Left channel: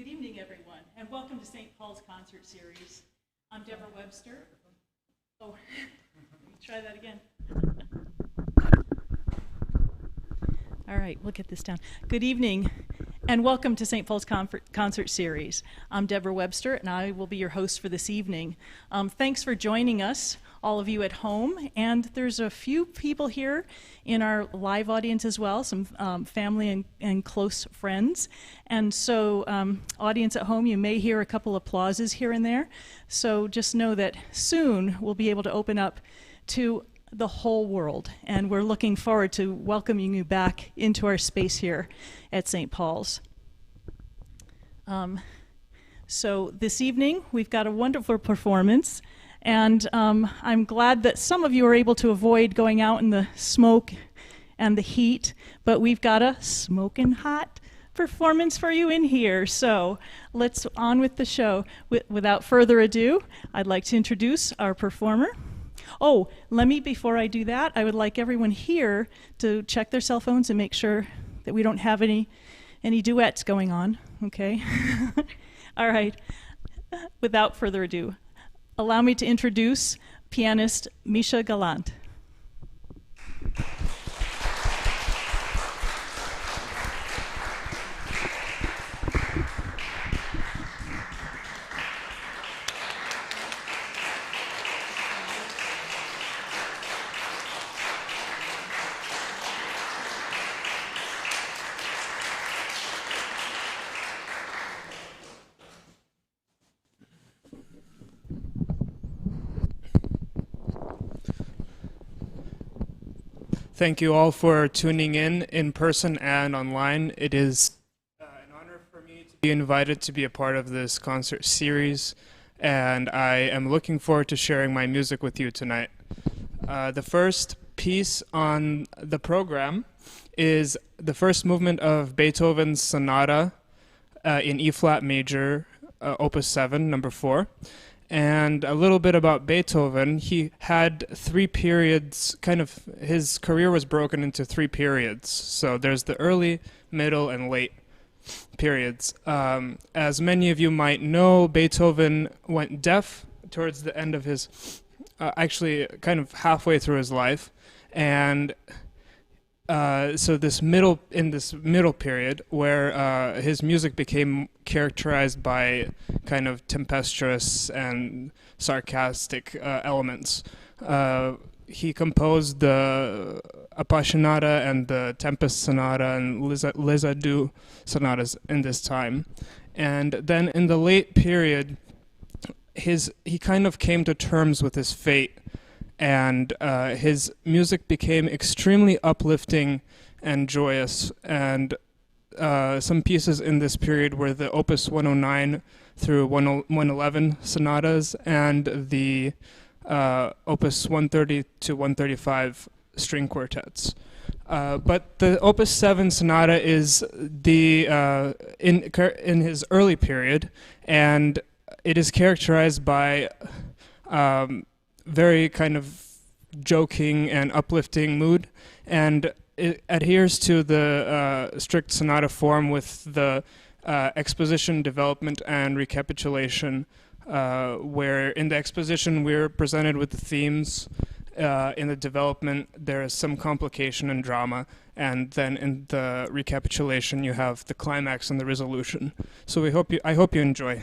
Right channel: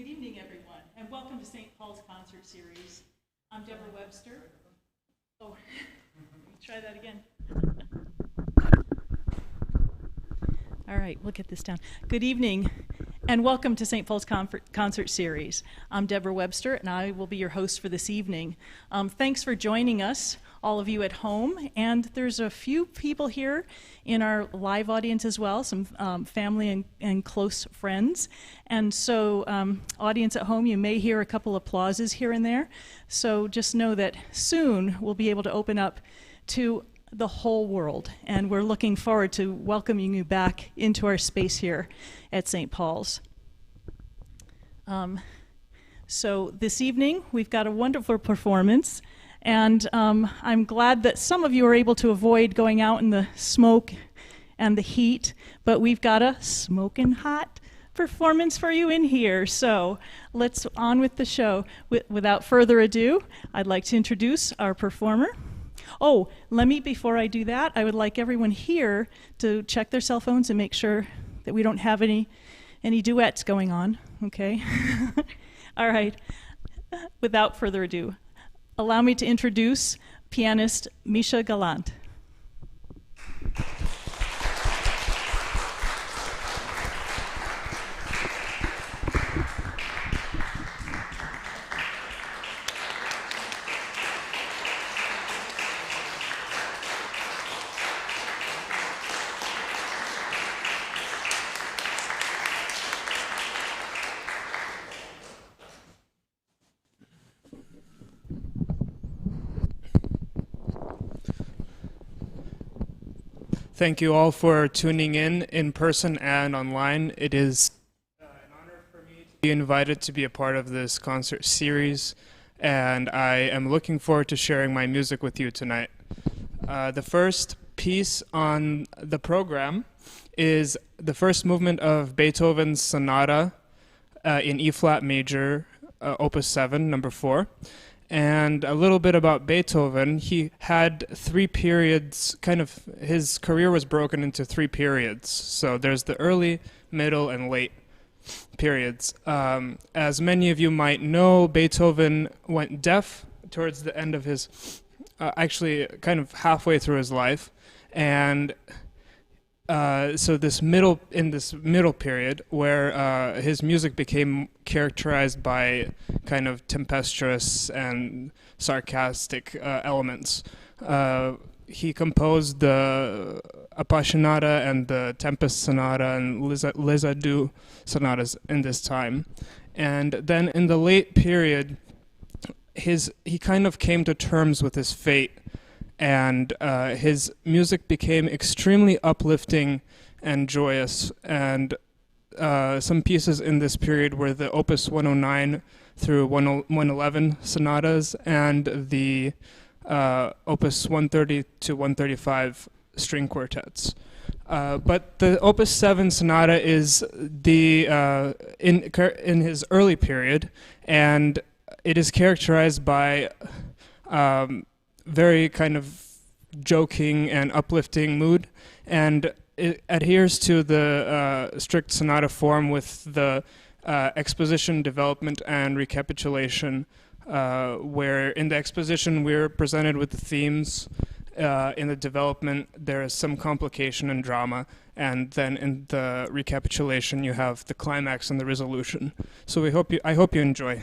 Good evening, everyone, and welcome to St. Paul's Concert Series. I'm Deborah Webster. Oh, let me try that again. All right, we'll get this down. Good evening, and welcome to St. Paul's Concert Series. I'm Deborah Webster, and I will be your host for this evening. Thanks for joining us, all of you at home, and there's a few people here in our live audience as well, some family and close friends. And so, audience at home, you may hear a couple applauses here and there. So just know that soon we'll be able to open up to the whole world, and we're looking forward to welcoming you back into our space here at St. Paul's. So this evening, we've got a wonderful performance. And I'm glad that some of you are able to avoid going out in the smoke and the heat, but we've got a smoking hot performance for you in here. So let's on with the show. Without further ado, I'd like to introduce our performer. Oh, before I do that, I would like everyone here to check their cell phones and make sure that we don't have any duets going on, okay? All right, without further ado, allow me to introduce pianist Misha Galant. Thank you all for tuning in person and online. It is an honor for me to be invited to be a part of this concert series, and I am looking forward to sharing my music with you tonight. The first piece on the program is the first movement of Beethoven's sonata in E-flat major, Opus 7, number 4. And a little bit about Beethoven. He had 3 periods, his career was broken into 3 periods. So there's the early, middle, and late periods. As many of you might know, Beethoven went deaf towards the end of his, actually kind of halfway through his life. And so in this middle period where his music became characterized by kind of tempestuous and sarcastic elements. He composed the Appassionata and the Tempest Sonata and Les Adieux sonatas in this time. And then in the late period, he kind of came to terms with his fate, and his music became extremely uplifting and joyous. And some pieces in this period were the Opus 109 through 111 sonatas and the Opus 130 to 135 string quartets. But the Opus 7 sonata is in his early period, and it is characterized by very kind of joking and uplifting mood, and it adheres to the strict sonata form with the exposition, development, and recapitulation, where in the exposition we're presented with the themes, in the development there is some complication and drama, and then in the recapitulation you have the climax and the resolution. So I hope you enjoy.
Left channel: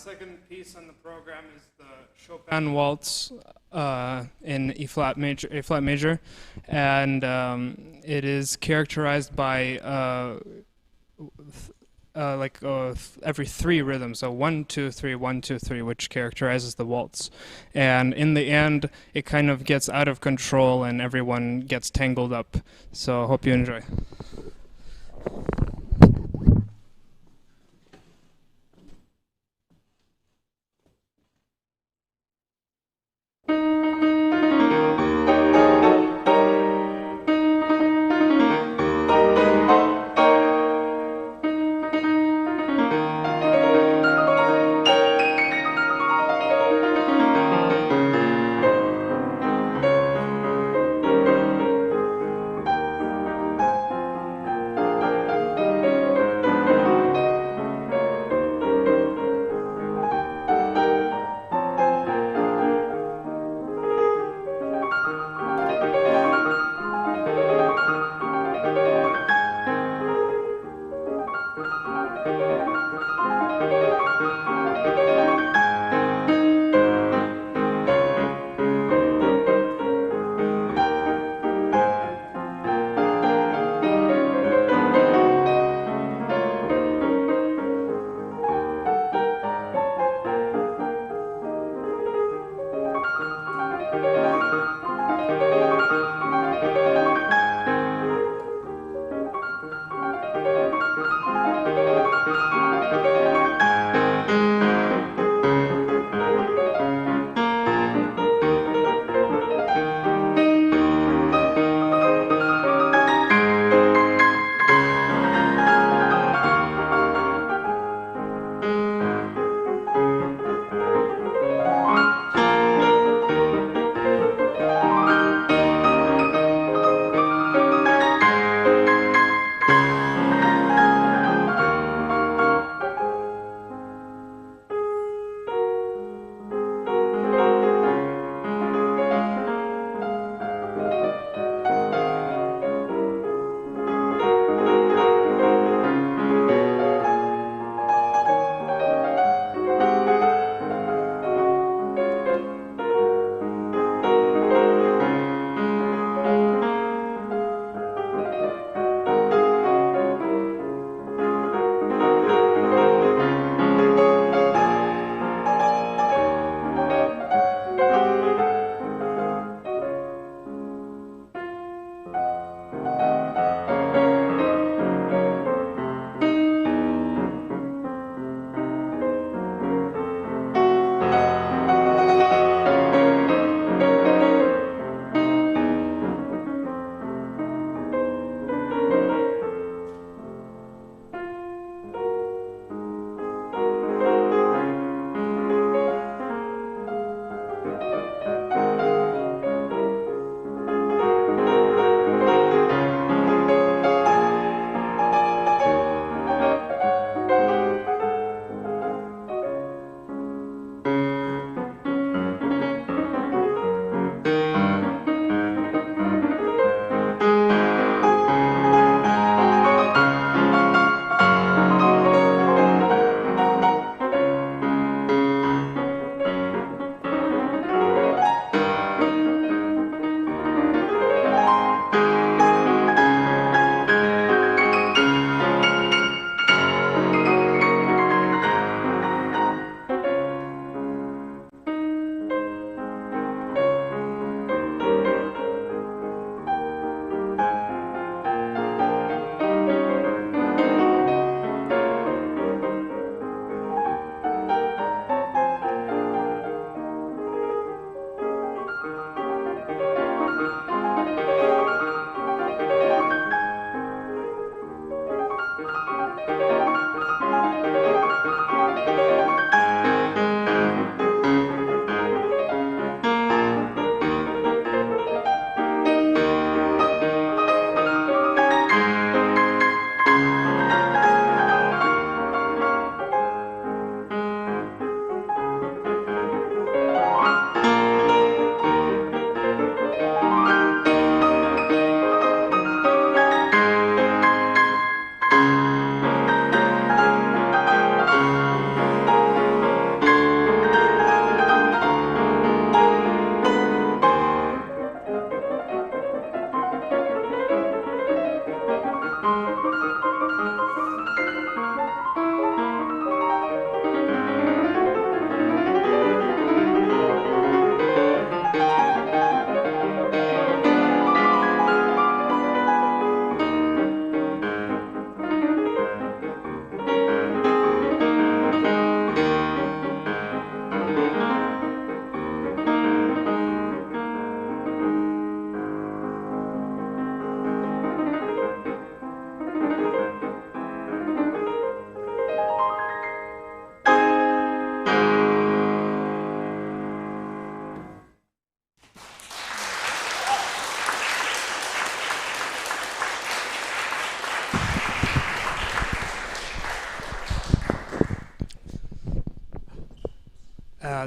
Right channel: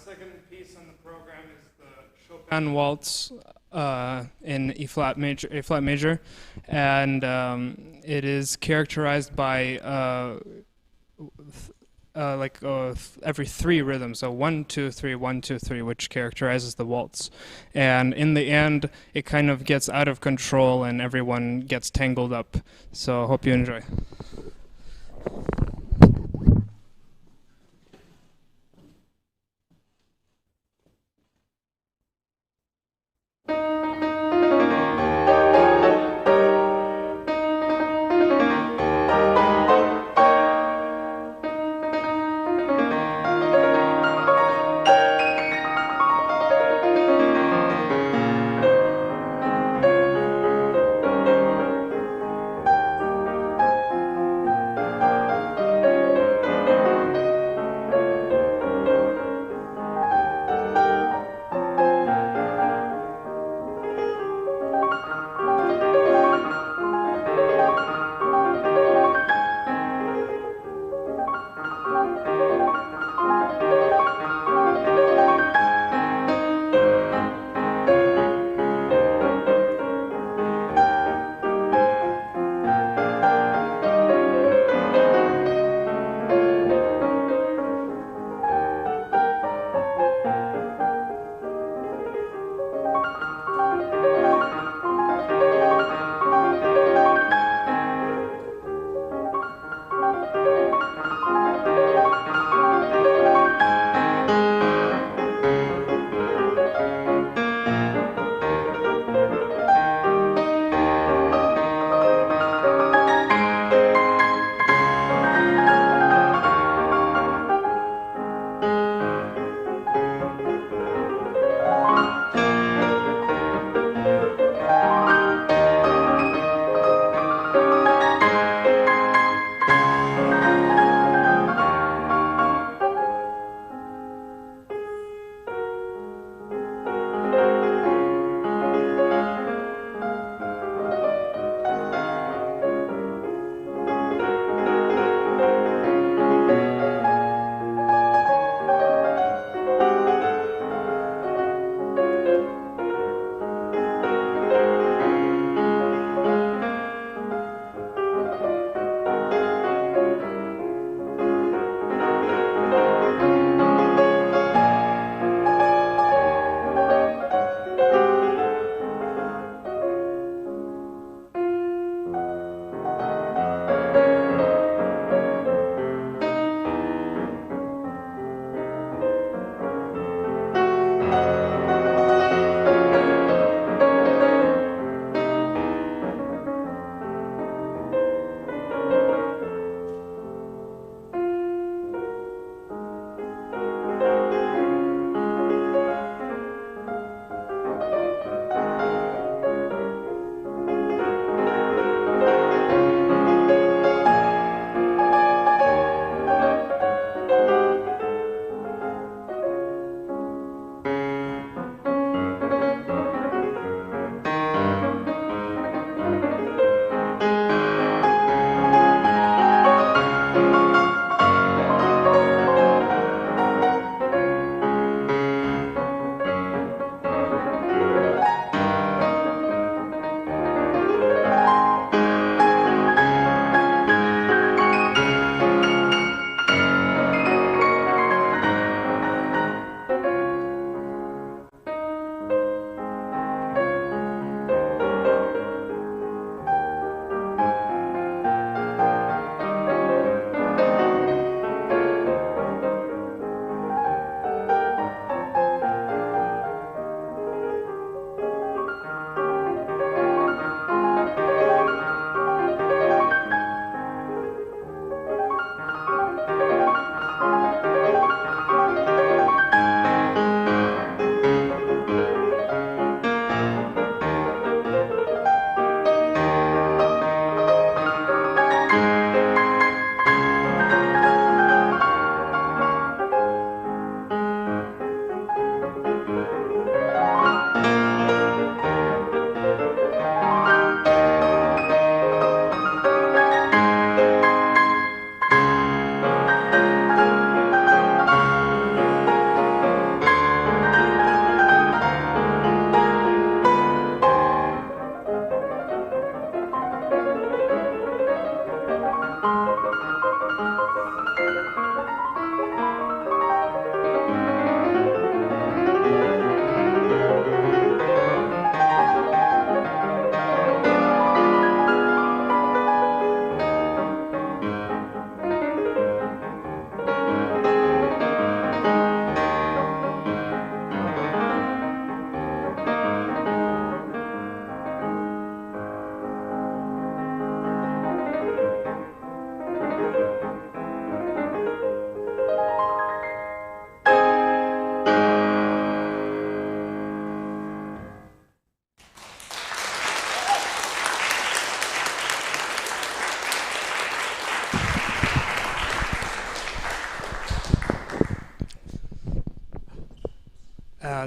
second piece on the program is the Chopin waltz in A flat major, and it is characterized by every three rhythms, so 1 2 3 1 2 3, which characterizes the waltz. And in the end, it kind of gets out of control, and everyone gets tangled up. So I hope you enjoy.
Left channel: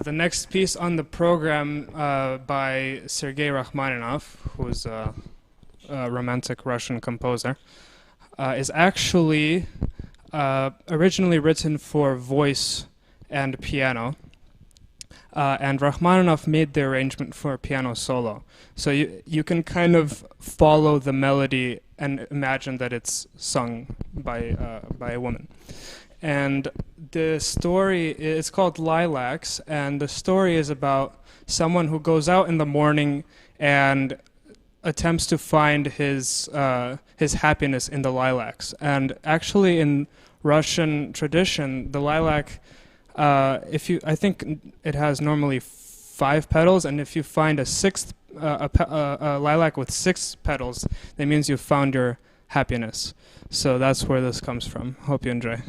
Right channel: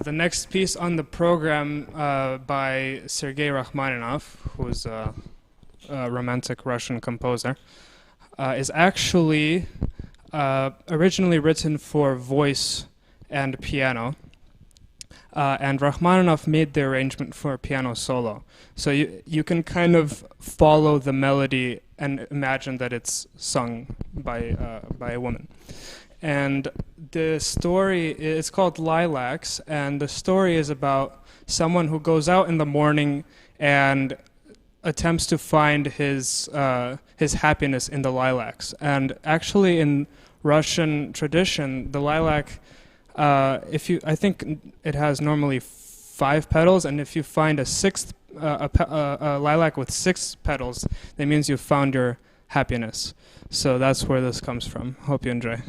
The next piece on the program by Sergei Rachmaninoff, who's a romantic Russian composer, is actually originally written for voice and piano. And Rachmaninoff made the arrangement for a piano solo. So you can kind of follow the melody and imagine that it's sung by a woman. And the story is called Lilacs, and the story is about someone who goes out in the morning and attempts to find his happiness in the lilacs. And actually, in Russian tradition, the lilac, I think it has normally 5 petals, and if you find a lilac with 6 petals, that means you've found your happiness. So that's where this comes from. Hope you enjoy.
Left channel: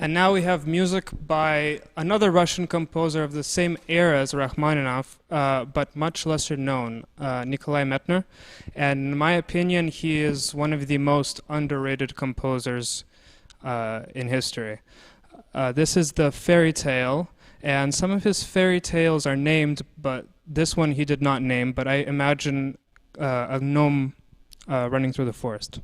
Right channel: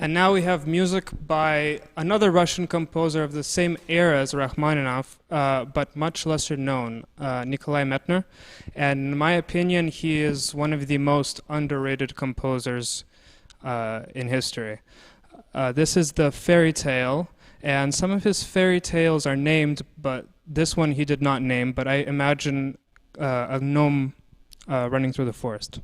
And now we have music by another Russian composer of the same era as Rachmaninoff, but much lesser known, Nikolai Mettner. And in my opinion, he is one of the most underrated composers in history. This is the fairy tale, and some of his fairy tales are named, but this one he did not name, but I imagine a gnome running through the forest.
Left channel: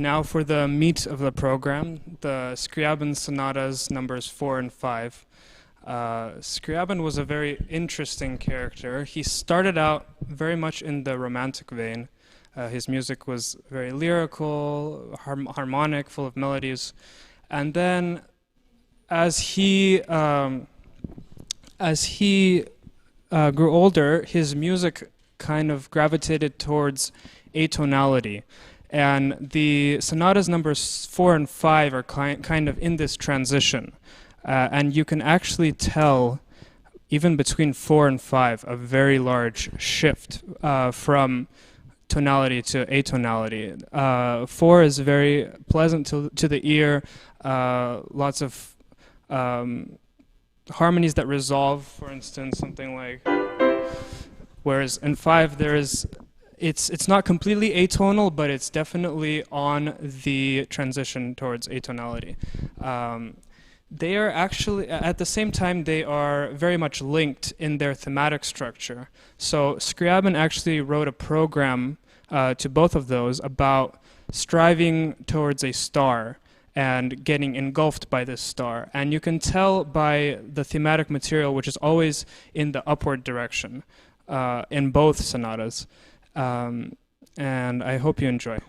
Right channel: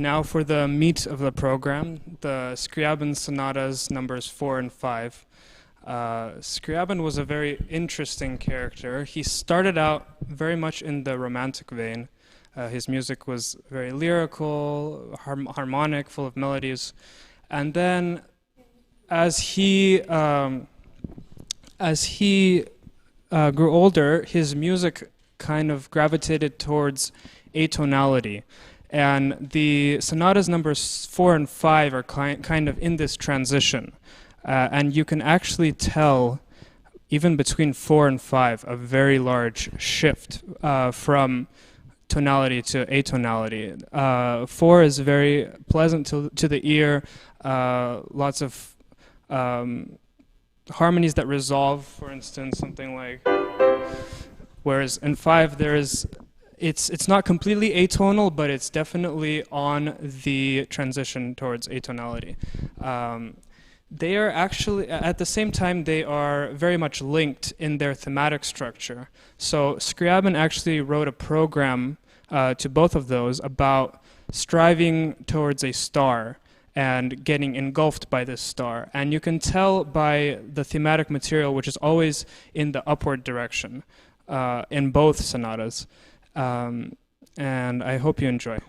Now for the meat of the program, the Scriabin sonatas numbers 4 and 5. Scriabin was a very interesting character. He started out very much in the romantic vein. His music was very lyrical, harmonic, full of melodies. And then as he grew older, his music kind of gravitated towards atonality. And the sonatas numbers 4 and 5 are kind of in this transition. And you can actually tell, even between 4 and 5, a very large shift from tonality to atonality. 4 is very pleasant to the ear, lots of harmonies that resolve, for instance, something like, whereas in 5 it's not completely atonal, but it's definitely on the transition towards atonality. They are actually, at the same time, they are very much linked in their thematic structure. So Scriabin actually wrote a program to both of those about striving towards a star and getting engulfed by this star. And you can tell by the thematic material, which is always in the upward direction in both sonatas. And I hope you enjoy.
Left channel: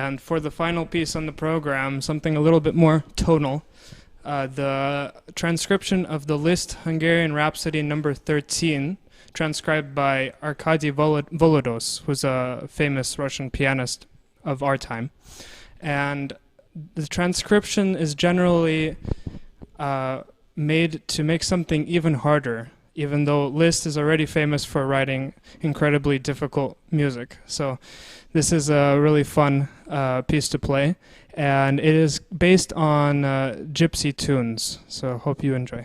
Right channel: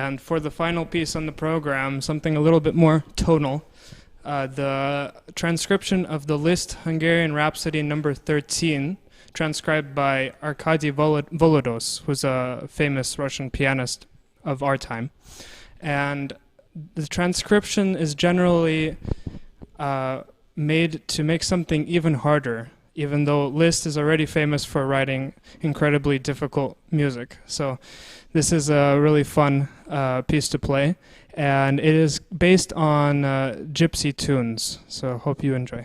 And for the final piece on the program, something a little bit more tonal, the transcription of the Liszt Hungarian Rhapsody number 13, transcribed by Arkady Volodos, who's a famous Russian pianist of our time. And the transcription is generally made to make something even harder, even though Liszt is already famous for writing incredibly difficult music. So this is a really fun piece to play, and it is based on gypsy tunes, so hope you enjoy.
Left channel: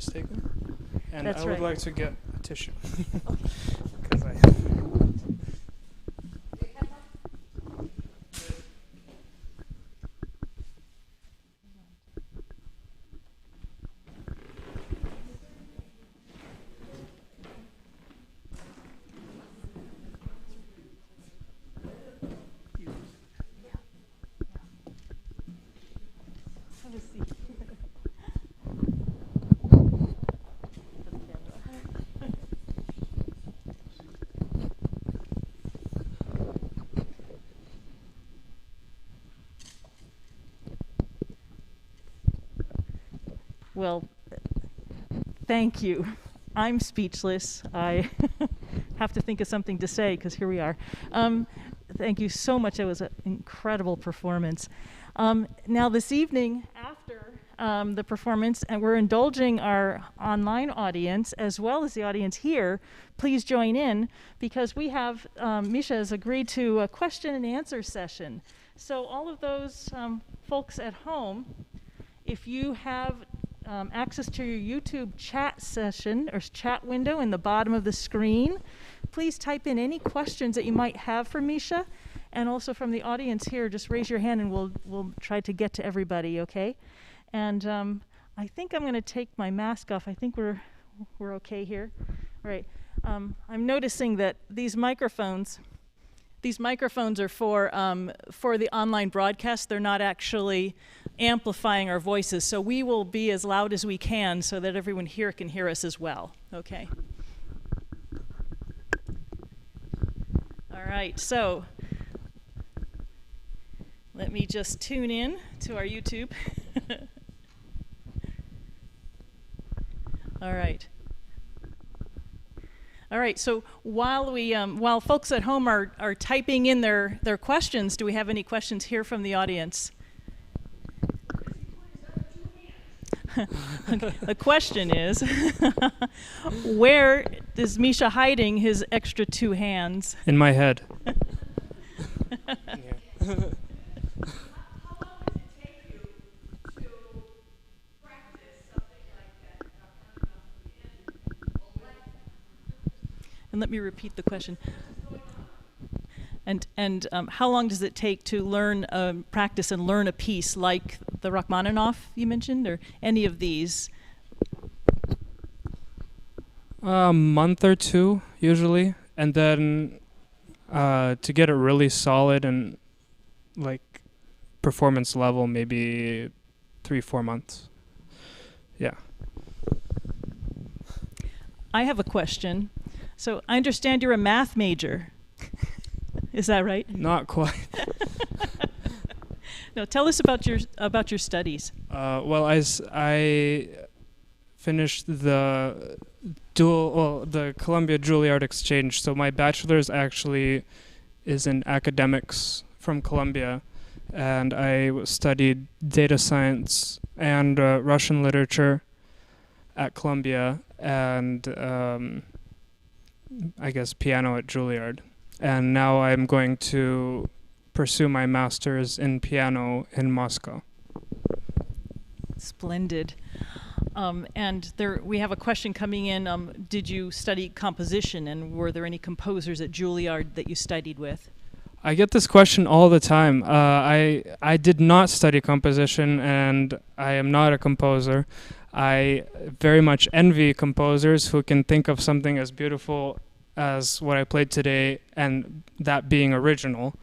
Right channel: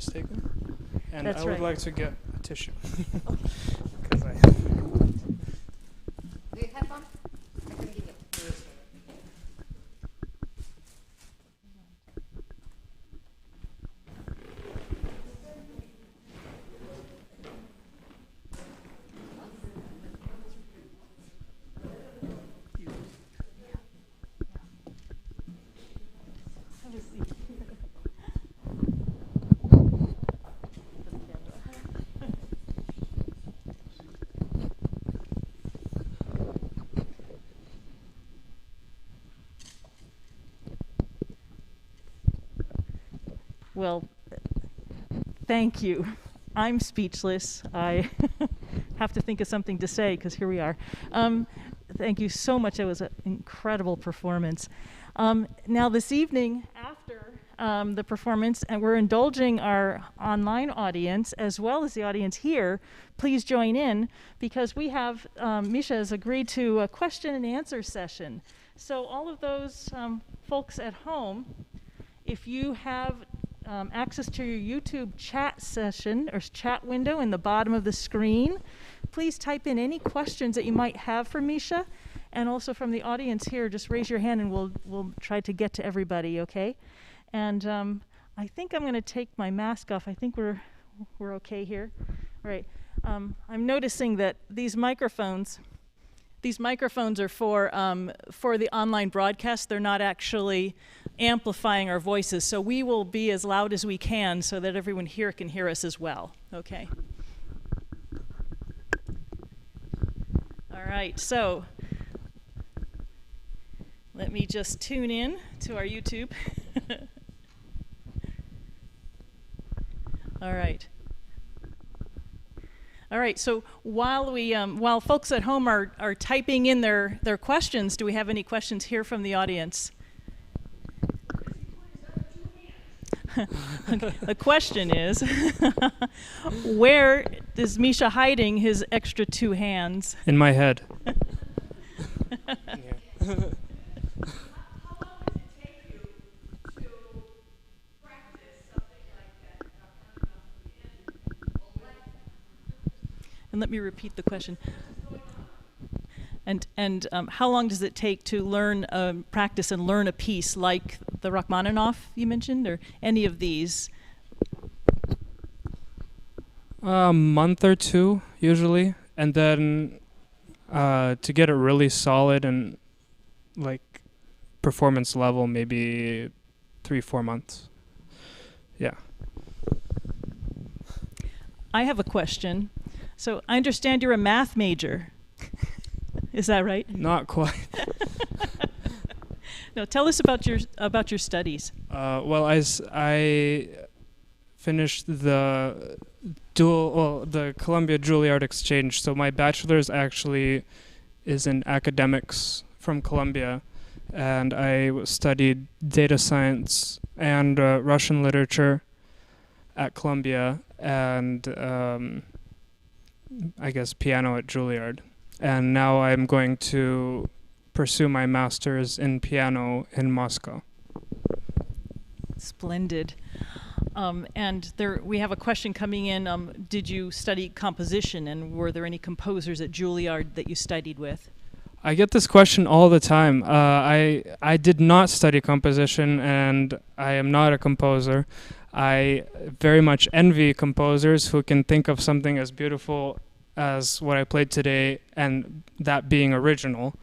mistaken. And That's I would right. like to get a tissue. 'Cause I Have a seat. Well, thank you. I'm speechless. I have to think of something to say because here we are. Thank you so much. It was an incredible performance. Now this evening, after the performance, and we're indulging our online audience as well as the audience here, please join in because we have, Misha has agreed to a question and answer session. So all of those folks at home, if you have access to your YouTube chat session or chat window in the bottom of the screen, please type in any questions that you might have for Misha, and also from the audience here, just raise your hand and we'll try to get to everybody, okay? And I think I'm going to take my mask off. I think we're okay here. All right. I'm noticing that these microphones are for the online broadcast. They're not actually amplifying our voices, so we will be as loud as we can so that everyone here can hear us as well. Okay. All right, so let me just tune in to our YouTube. All right. All right, so while folks at home are typing in their questions, do we have any questions here from the audience? Okay. The question is, where is Misha hiding his extra two hands? in my head. And let me repeat the question. And how long does it take to learn, practice and learn a piece like the Rachmaninoff you mentioned, or any of these? A month or two, usually. And then to get it really solid and like performance level, maybe 3-4 months. Yeah. I have a question. So I understand you're a math major. Is that right? Not quite. No, tell us about your studies. Well, I finished the Columbia Juilliard exchange. So my bachelor's actually is in academics from Columbia, and I studied data science and Russian literature at Columbia, and I guess piano at Juilliard. And now I'm going to pursue my master's in piano in Moscow. Splendid. And we have a question coming in. Did you study composition, and were there any composers at Juilliard that you studied with? I get this question all the time. I did not study composition, and I am not a composer. I very much envy composers who can think of something as beautiful as what I played today, and that being original.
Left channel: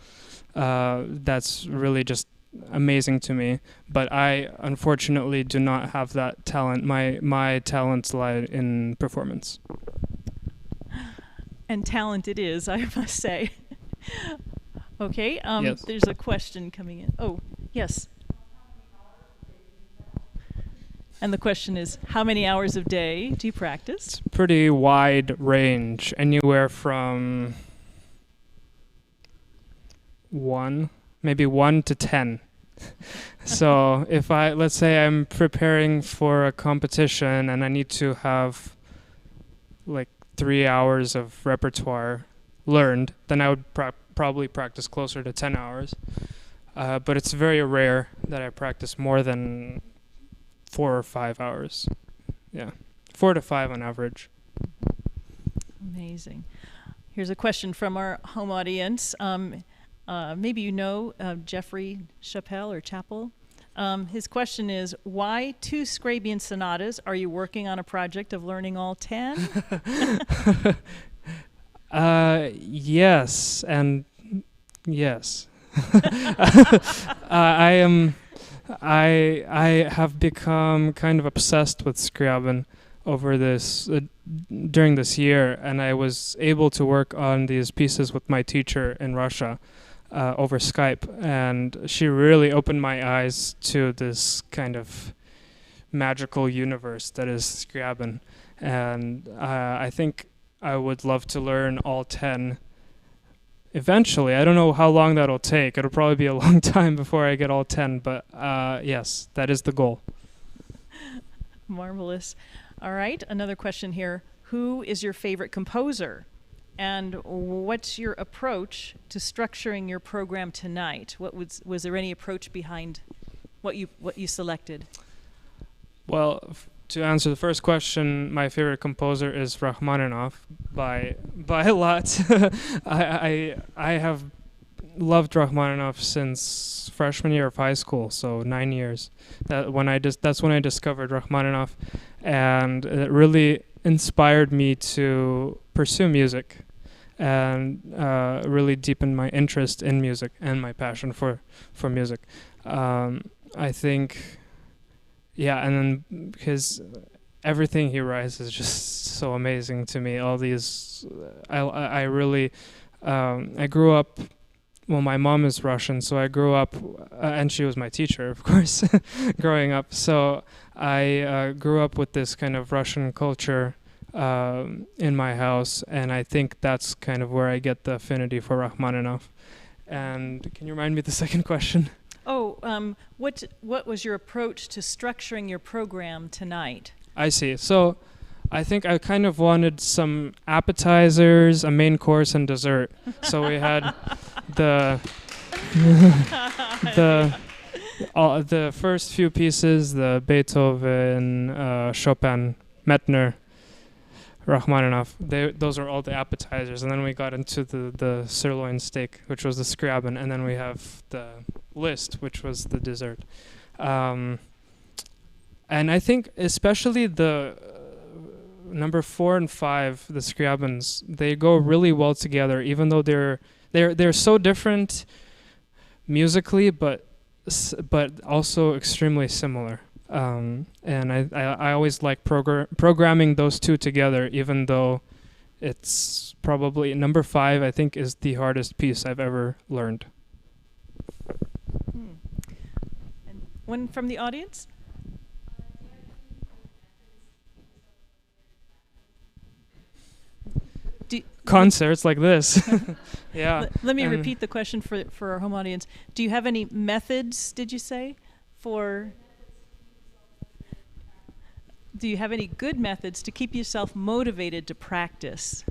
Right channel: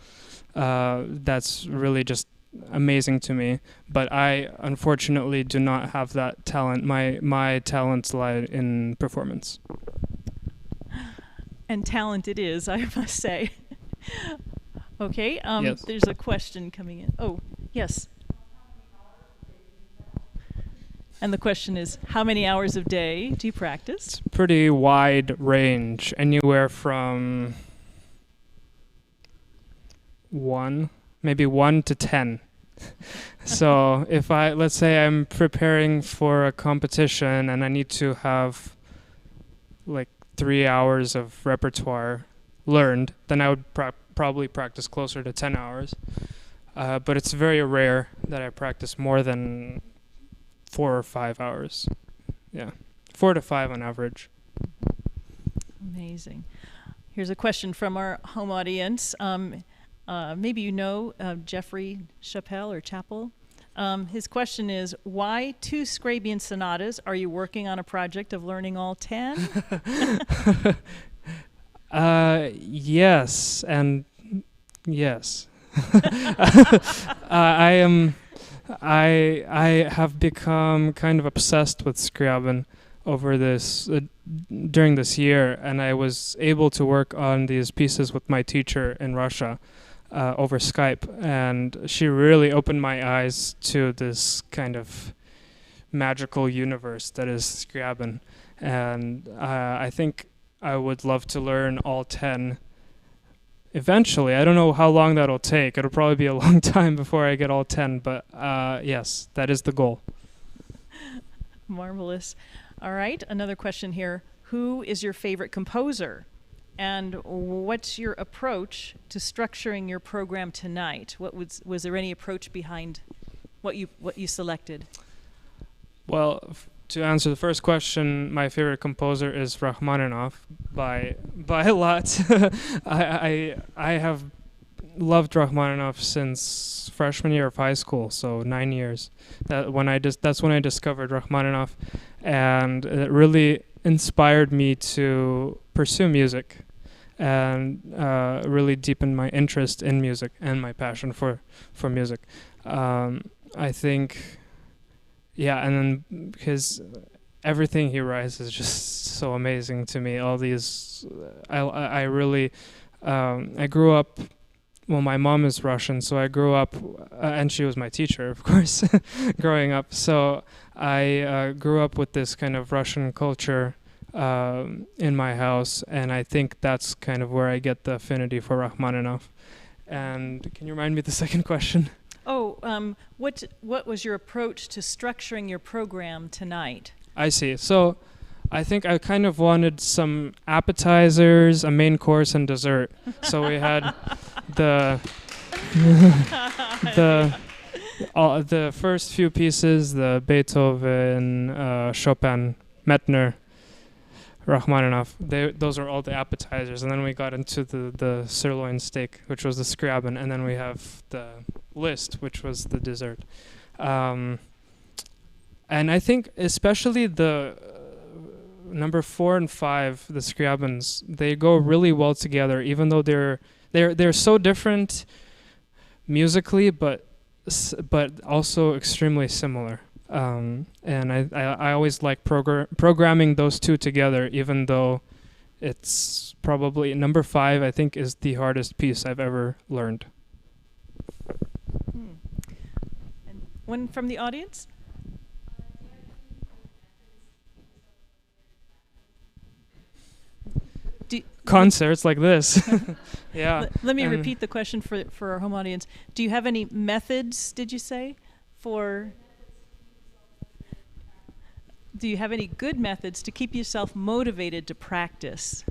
That's really just amazing to me. But I unfortunately do not have that talent. My talents lie in performance. And talent it is, I must say. Okay, yes. There's a question coming in. Oh, yes. And the question is, how many hours a day do you practice? It's pretty wide range, anywhere from maybe 1 to 10. So if let's say I'm preparing for a competition and I need to have like 3 hours of repertoire learned, then I would probably practice closer to 10 hours. But it's very rare that I practice more than 4 or 5 hours. Yeah. 4 to 5 on average. Amazing. Here's a question from our home audience. Maybe you know Jeffrey Chappell or Chappell. His question is, why 2 Scriabin sonatas? Are you working on a project of learning all 10? Yes, and yes. I have become kind of obsessed with Scriabin over this during this year, and I was able to work on these pieces with my teacher in Russia over Skype, and she really opened my eyes to this kind of magical universe that is Scriabin, and I think I would love to learn all 10 eventually. I don't know how long that'll take. It'll probably be a long time before I get all 10, but yes, that is the goal. Marvelous. All right, another question here. Who is your favorite composer? And what's your approach to structuring your program tonight? Was there any approach behind what you selected? Well, to answer the first question, my favorite composer is Rachmaninoff by a lot. I have loved Rachmaninoff since freshman year of high school, so 9 years. That's when I discovered Rachmaninoff, and it really inspired me to pursue music and really deepened my interest in music and my passion for music. I think, yeah, and then because everything he writes is just so amazing to me. All these, I really, I grew up. Well, my mom is Russian, so I grew up, and she was my teacher, of course, growing up. So I grew up with this kind of Russian culture in my house, and I think that's kind of where I get the affinity for Rachmaninoff. And can you remind me of the second question? Oh, what was your approach to structuring your program tonight? I see. So I think I kind of wanted some appetizers, a main course, and dessert. So we had the first few pieces, the Beethoven, Chopin, Mettner, Rachmaninoff. Those are all the appetizers, and then we got into the sirloin steak, which was the Scriabin, and then we have the list, which was the dessert. And I think especially the number 4 and 5, the Scriabins, they go really well together, even though they're so different musically, but also extremely similar. And I always like programming those two together, even though it's probably number 5, I think, is the hardest piece I've ever learned. And one from the audience? Concerts like this. Yeah. Let me repeat the question for our home audience. Do you have any methods, did you say, do you have any good methods to keep yourself motivated to practice?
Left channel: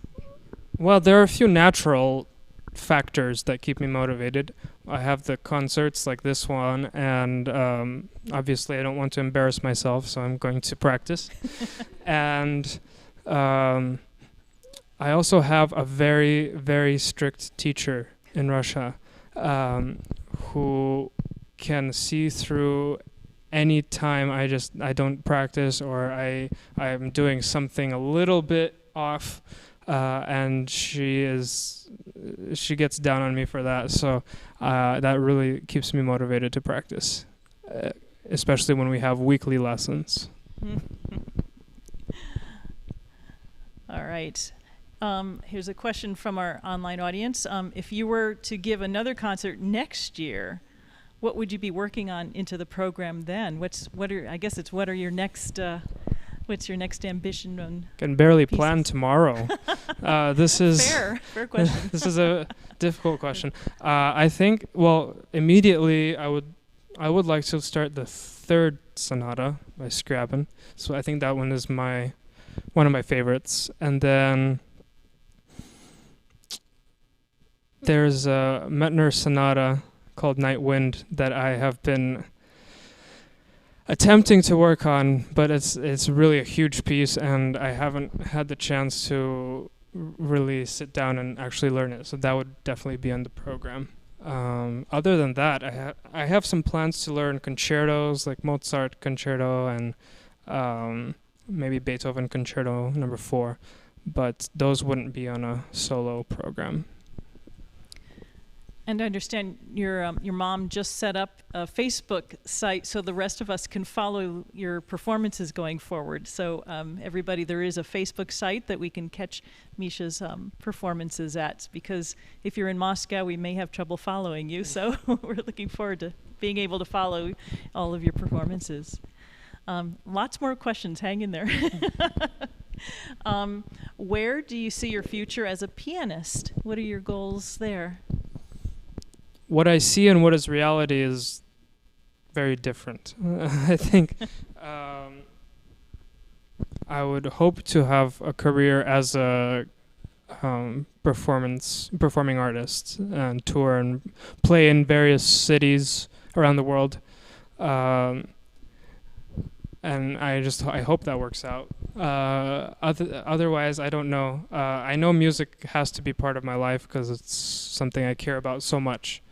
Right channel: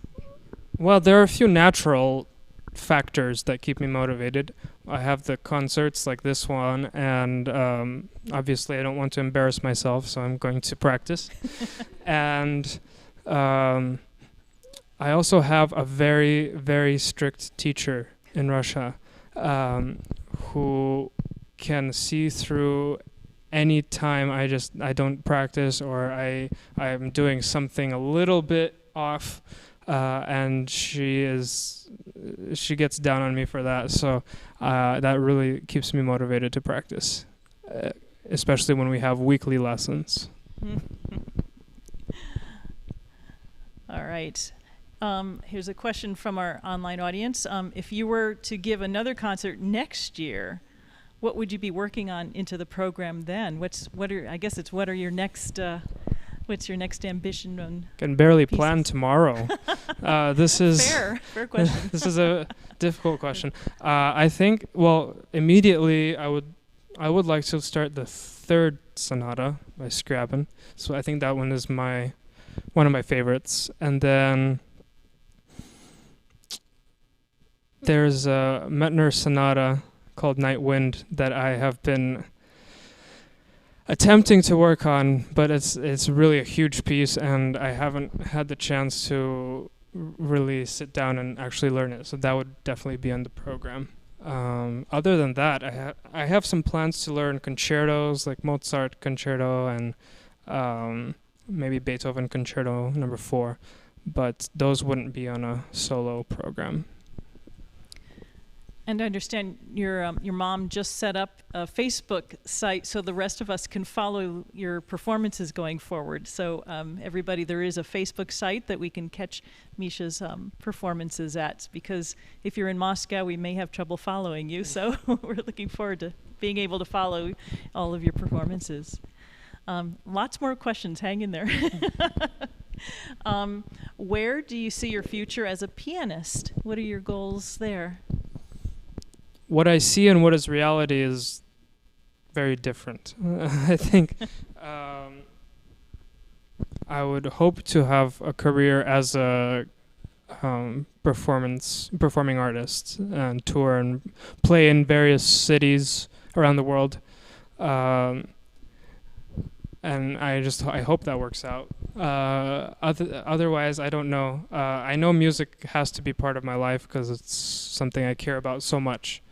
Well, there are a few natural factors that keep me motivated. I have the concerts like this one, and obviously I don't want to embarrass myself, so I'm going to practice. And I also have a very, very strict teacher in Russia who can see through any time I don't practice, or I'm doing something a little bit off, and she gets down on me for that. So that really keeps me motivated to practice, especially when we have weekly lessons. All right. Here's a question from our online audience. If you were to give another concert next year, what would you be working on into the program then? What's your next ambition? Can barely pieces? plan tomorrow. This is fair question. This is a difficult question. I think, well, immediately I would like to start the 3rd sonata by Scriabin. So I think that one is one of my favorites. And then there's a Mettner sonata called Night Wind that I have been attempting to work on, but it's really a huge piece, and I haven't had the chance to really sit down and actually learn it. So that would definitely be on the program. Other than that, I have some plans to learn concertos, like Mozart concerto and maybe Beethoven concerto number 4, but those wouldn't be on a solo program. And I understand your mom just set up a Facebook site so the rest of us can follow your performances going forward. So everybody, there is a Facebook site that we can catch Misha's performances at, because if you're in Moscow, we may have trouble following you. So we're looking forward to being able to follow all of your performances. Lots more questions. Hang in there. Where do you see your future as a pianist? What are your goals there? What I see and what is reality is very different. I think I would hope to have a career as a performing artist and tour and play in various cities around the world. And I hope that works out. Otherwise, I don't know. I know music has to be part of my life because it's something I care about so much.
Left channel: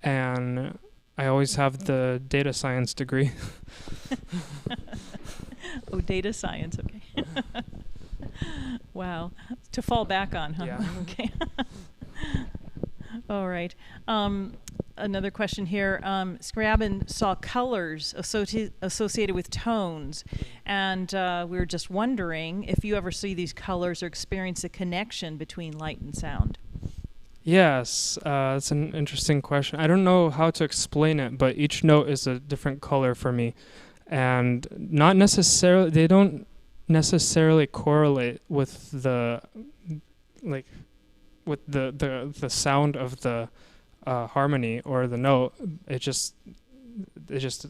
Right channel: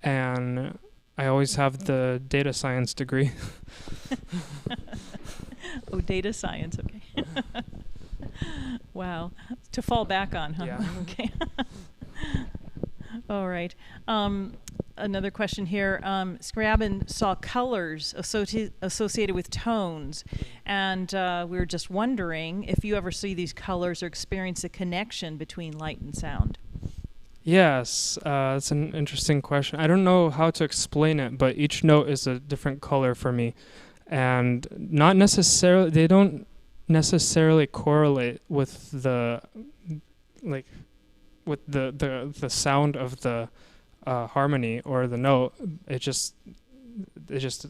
And I always have the data science degree. Oh, data science, okay. Wow. To fall back on, huh? Yeah. Okay. All right. Another question here. Scriabin saw colors associated with tones, and we were just wondering if you ever see these colors or experience a connection between light and sound. Yes, it's an interesting question. I don't know how to explain it, but each note is a different color for me, and not necessarily. They don't necessarily correlate with the the sound of the harmony or the note. It just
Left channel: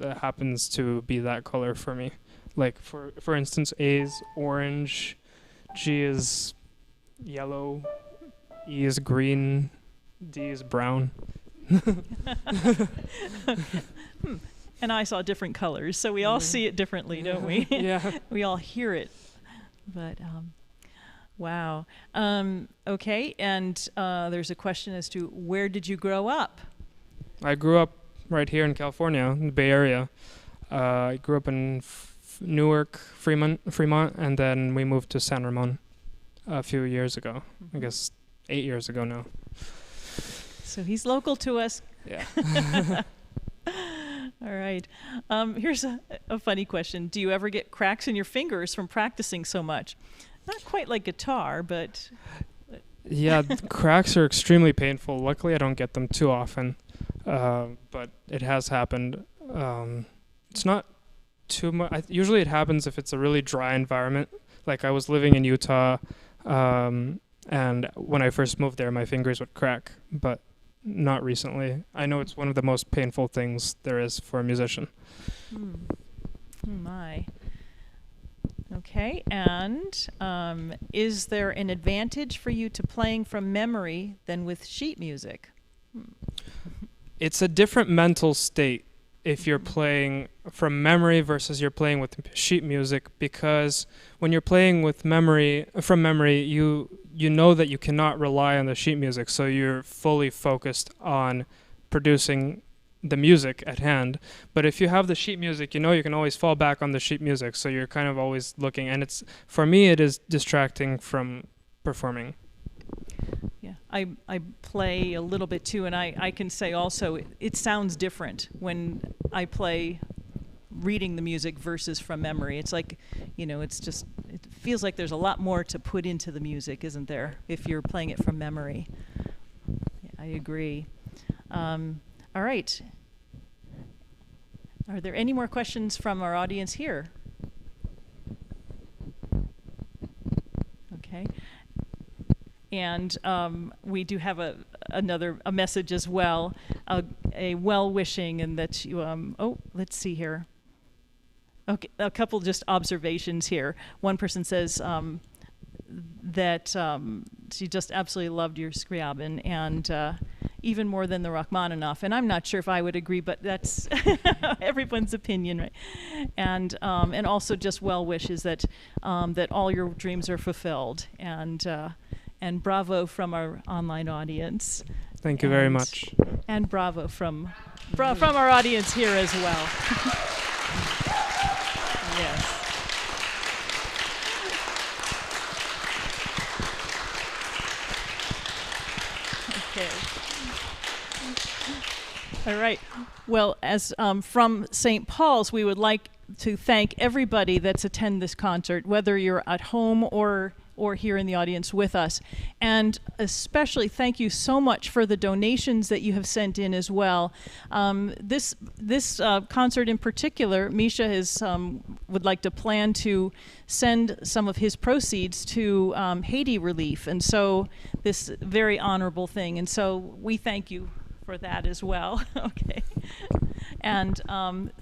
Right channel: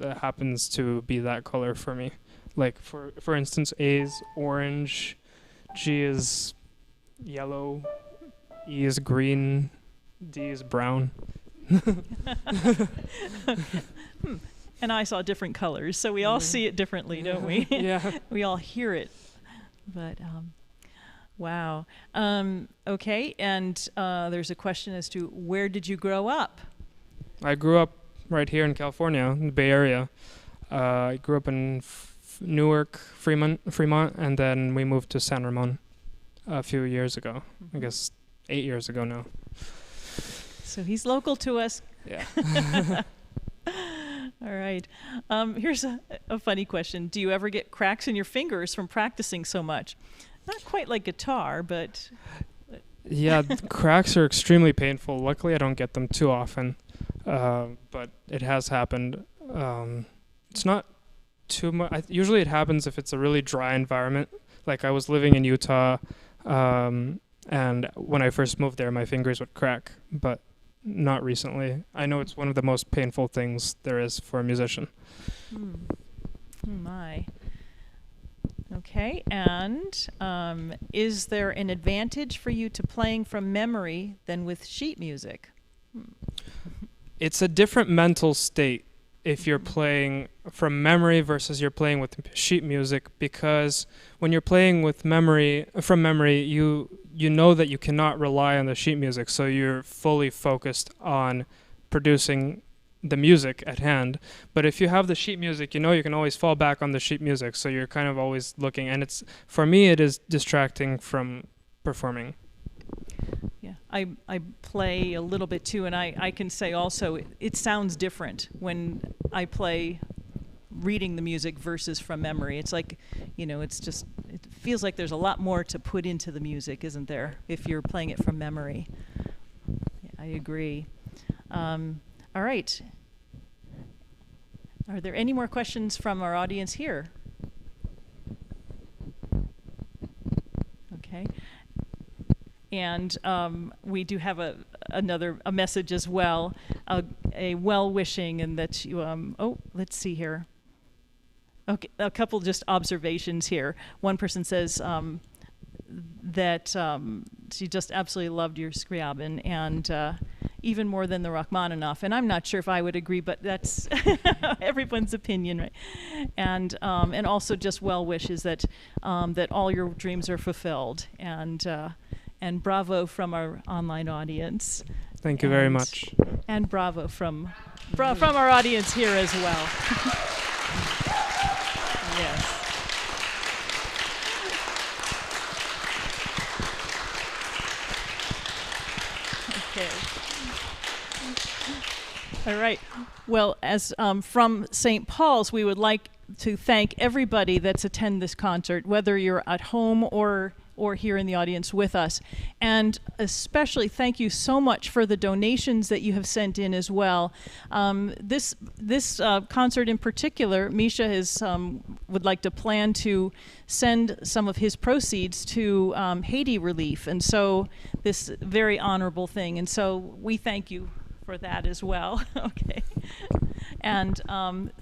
happens to be that color for me. Like for instance, A is orange, G is yellow, E is green, D is brown. And I saw different colors, so we all see it differently, don't we? Yeah. We all hear it. But, wow. Okay, and there's a question as to where did you grow up? I grew up right here in California, in the Bay Area. I grew up in Newark, Fremont, and then we moved to San Ramon a few years ago. I guess 8 years ago now. So he's local to us. Yeah. All right. Here's a funny question. Do you ever get cracks in your fingers from practicing so much? Not quite like guitar, but... Yeah, cracks are extremely painful. Luckily, I don't get them too often, but it has happened. It's not too much. Usually it happens if it's a really dry environment. Like I was living in Utah, and when I first moved there, my fingers would crack, but not recently. I know it's one of the most painful things there is for a musician. Oh my. Okay, and is there an advantage for you to playing from memory than with sheet music? It's a different mental state if you're playing from memory versus you're playing with sheet music, because when you're playing with from memory, you know that you cannot rely on the sheet music, so you're fully focused on producing the music at hand. But if you have the sheet music, you know you can always fall back on the sheet music, so you're kind of always looking, and it's, for me, it is distracting from performing. Yeah, I play a little bit too, and I can say also it sounds different when I play reading the music versus from memory. It's like, it feels like there's a lot more to put into the music, isn't there, if you're playing it from memory. Yeah, I agree. All right. Are there any more questions from our audience here? Okay. And we do have a message as well, a well-wishing, and that you, let's see here. Okay, a couple just observations here. One person says that she just absolutely loved your Scriabin, and even more than the Rachmaninoff. And I'm not sure if I would agree, but that's everyone's opinion, right? And also just well wishes that that all your dreams are fulfilled. And bravo from our online audience. Thank you very much. And bravo from our audience here as well. Yes. Okay. All right. Well, as from St. Paul's, we would like to thank everybody that's attended this concert, whether you're at home or here in the audience with us. And especially thank you so much for the donations that you have sent in as well. This concert in particular, Misha would like to plan to send some of his proceeds to Haiti relief. And so this very honorable thing. And so we thank you for that as well. Okay. And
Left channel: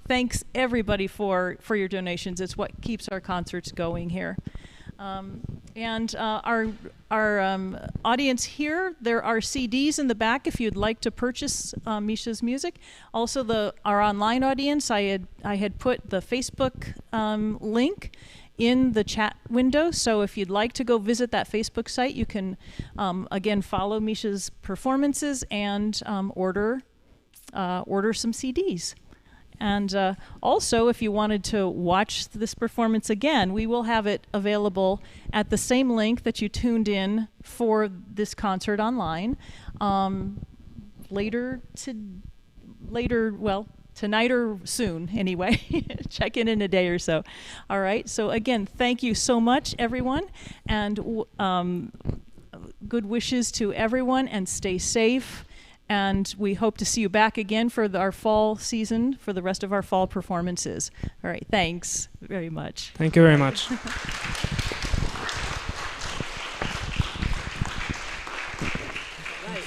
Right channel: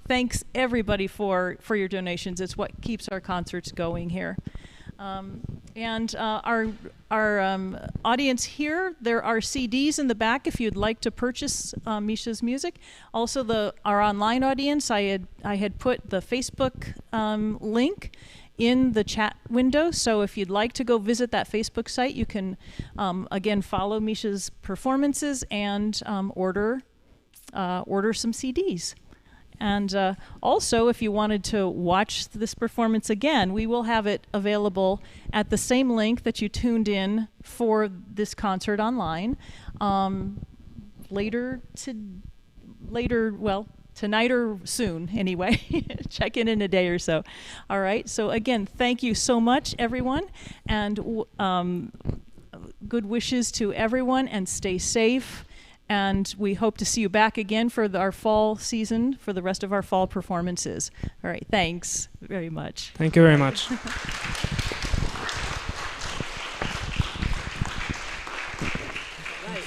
thanks everybody for your donations. It's what keeps our concerts going here. And our audience here, there are CDs in the back if you'd like to purchase Misha's music. Also, our online audience, I had put the Facebook link in the chat window. So if you'd like to go visit that Facebook site, you can again follow Misha's performances and order some CDs. And also, if you wanted to watch this performance again, we will have it available at the same link that you tuned in for this concert online. Tonight or soon, anyway. Check in a day or so. All right. So again, thank you so much, everyone, and good wishes to everyone, and stay safe. And we hope to see you back again for our fall season, for the rest of our fall performances. All right, thanks very much. Thank you very much. Right.